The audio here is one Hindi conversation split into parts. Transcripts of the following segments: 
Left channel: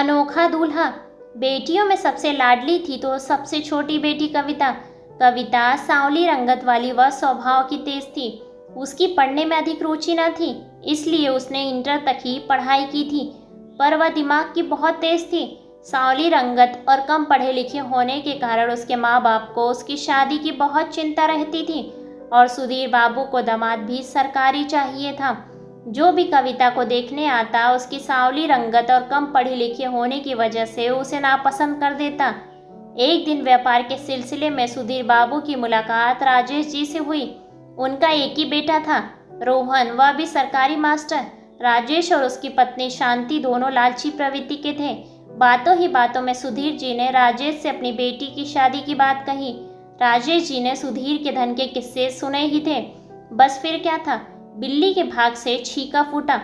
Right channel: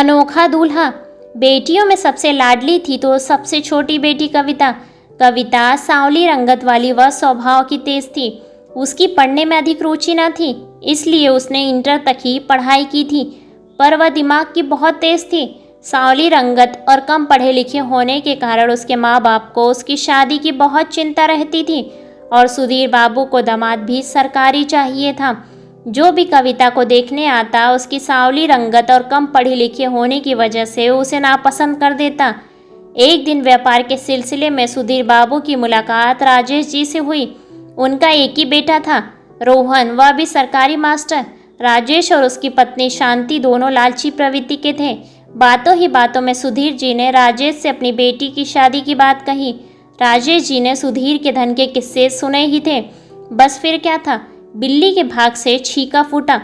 अनोखा दूल्हा। बेटियों में सबसे लाडली थी तो सबसे छोटी बेटी कविता। कविता सांवली रंगत वाली व स्वभाव की तेज थी। उसकी पढ़ने में अधिक रुचि न थी, इसलिए उसने इंटर तक ही पढ़ाई की थी, पर वह दिमाग की बहुत तेज थी। सांवली रंगत और कम पढ़े लिखे होने के कारण उसके माँ बाप को उसकी शादी की बहुत चिंता रहती थी और सुधीर बाबू को दामाद भी सरकारी चाहिए था। जो भी कविता को देखने आता उसकी सांवली रंगत और कम पढ़े लिखे होने की वजह से उसे नापसंद कर देता। एक दिन व्यापार के सिलसिले में सुधीर बाबू की मुलाकात राजेश जी से हुई। उनका एक ही बेटा था, रोहन, वह भी सरकारी मास्टर। राजेश और उसकी पत्नी शांति दोनों लालची प्रवृत्ति के थे। बातों ही बातों में सुधीर जी ने राजेश से अपनी बेटी की शादी की बात कही। राजेश जी ने सुधीर के धन के किस्से सुने ही थे, बस फिर क्या था, बिल्ली के भाग से छीका फूटा।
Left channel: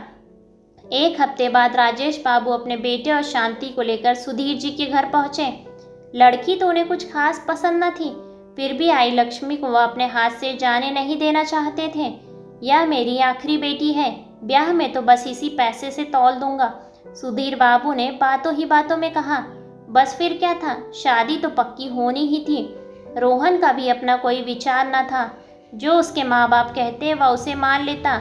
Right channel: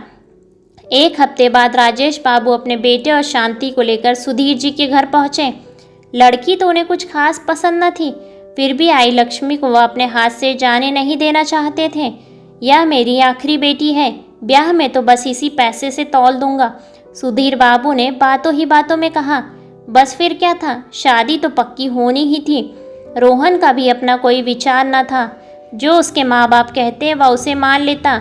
एक हफ्ते बाद राजेश बाबू अपने बेटे और शांति को लेकर सुधीर जी के घर पहुंचे। लड़की तो उन्हें कुछ खास पसंद न थी, फिर भी आई लक्ष्मी को वह अपने हाथ से जाने नहीं देना चाहते थे। यह मेरी आखिरी बेटी है, ब्याह में तो बस इसी पैसे से तौल दूंगा, सुधीर बाबू ने बातों ही बातों में कहा। बस फिर क्या था, शादी तो पक्की होनी ही थी। रोहन का भी अपना कोई विचार न था, जो उसके माँ बाप कहते वह उसे मान लेता।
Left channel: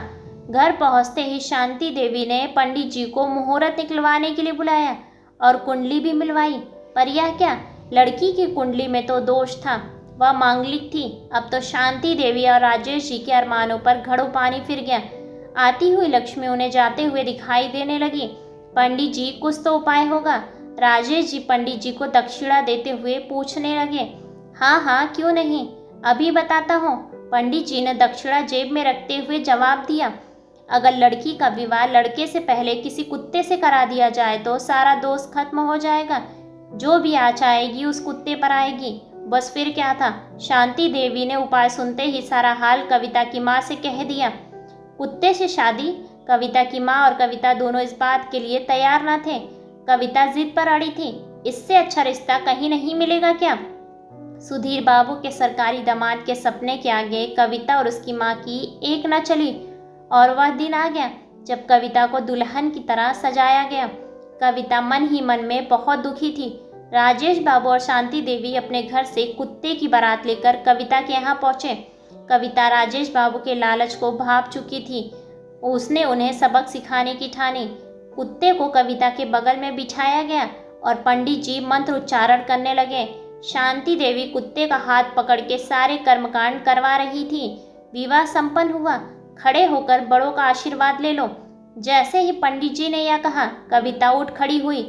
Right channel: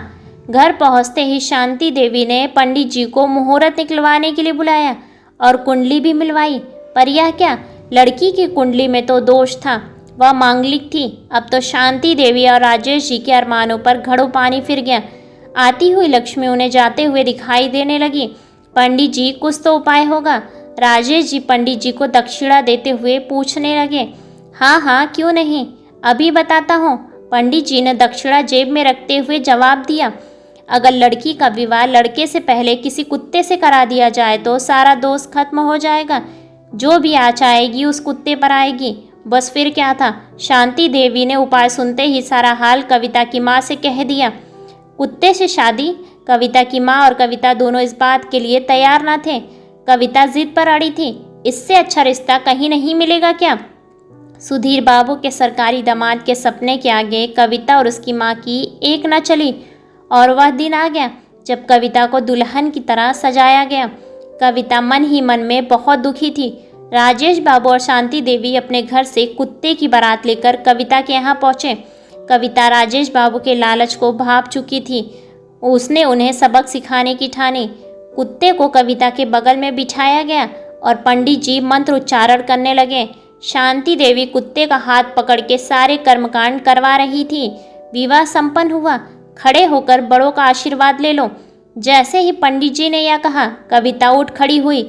घर पहुँचते ही शांति देवी ने पंडित जी को मुहूर्त निकलवाने के लिए बुलाया और कुंडली भी मिलवाई। पर यह क्या, लड़की की कुंडली में तो दोष था, वह मांगलिक थी। अब तो शांति देवी और राजेश जी के अरमानों पर घड़ों पानी फिर गया। आती हुई लक्ष्मी उन्हें जाते हुए दिखाई देने लगी। पंडित जी, कुछ तो उपाय होगा। राजेश जी पंडित जी को दक्षिणा देते हुए पूछने लगे। हाँ हाँ, क्यों नहीं, अभी बताता हूँ, पंडित जी ने दक्षिणा जेब में रखते हुए जवाब दिया। अगर लड़की का विवाह लड़के से पहले किसी कुत्ते से करा दिया जाए तो सारा दोष खत्म हो जाएगा। जो भी आँच आएगी उस कुत्ते पर आएगी। बस फिर क्या था, शांति देवी ने उपाय सुनते ही सारा हाल कविता की माँ से कह दिया। कुत्ते से शादी? कविता की माँ और कविता दोनों इस बात के लिए तैयार न थे। कविता जिद पर अड़ी थी, इससे अच्छा रिश्ता कहीं नहीं मिलेगा क्या? सुधीर बाबू के सरकारी दामाद के सपने के आगे कविता और उसकी माँ की एक न चली और वह दिन आ गया जब कविता को दुल्हन की तरह सजाया गया। कविता मन ही मन में बहुत दुखी थी। राजेश बाबू और शांति देवी अपने घर से कुत्ते की बारात लेकर कविता के यहाँ पहुँचे। कविता राजेश बाबू के लालच को भाप चुकी थी। उसने उन्हें सबक सिखाने की ठानी। कुत्ते को कविता के बगल में बिठाया गया और पंडित जी मंत्र उच्चारण करने लगे। शांति देवी कुत्ते का हाथ पकड़ के सारे कर्मकांड करवा रही थी। विवाह संपन्न हुआ। खड़े होकर बड़ों का आशीर्वाद ले लो। जैसे ही पंडित जी ने यह कहा, कविता उठ खड़ी हुई,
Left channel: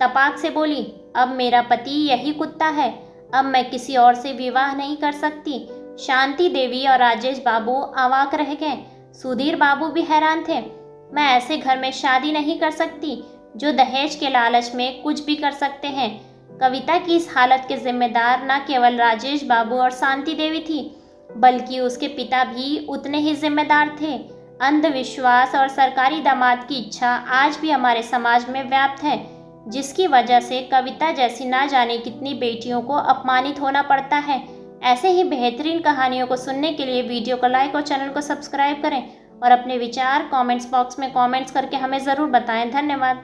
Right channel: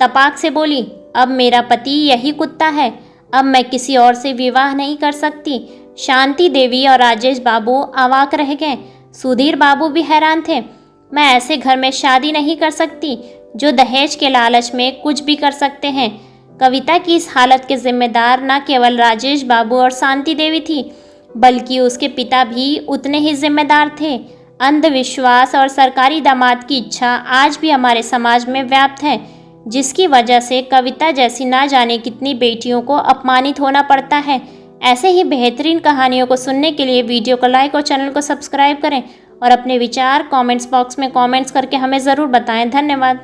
तपाक से बोली, अब मेरा पति यही कुत्ता है, अब मैं किसी और से विवाह नहीं कर सकती। शांति देवी और राजेश बाबू अवाक रह गए। सुधीर बाबू भी हैरान थे। मैं ऐसे घर में शादी नहीं कर सकती जो दहेज के लालच में कुछ भी कर सकते हैं। कविता की इस हालत के जिम्मेदार न केवल राजेश बाबू और शांति देवी थी, बल्कि उसके पिता भी उतने ही जिम्मेदार थे। अंधविश्वास और सरकारी दामाद की इच्छा आज भी हमारे समाज में व्याप्त है, जिसकी वजह से कविता जैसी ना जाने कितनी बेटियों को अपमानित होना पड़ता है। ऐसे ही बेहतरीन कहानियों को सुनने के लिए वीडियो को लाइक और चैनल को सब्सक्राइब करें और अपने विचार कमेंट्स बॉक्स में कमेंट्स करके हमें ज़रूर बताएं। धन्यवाद।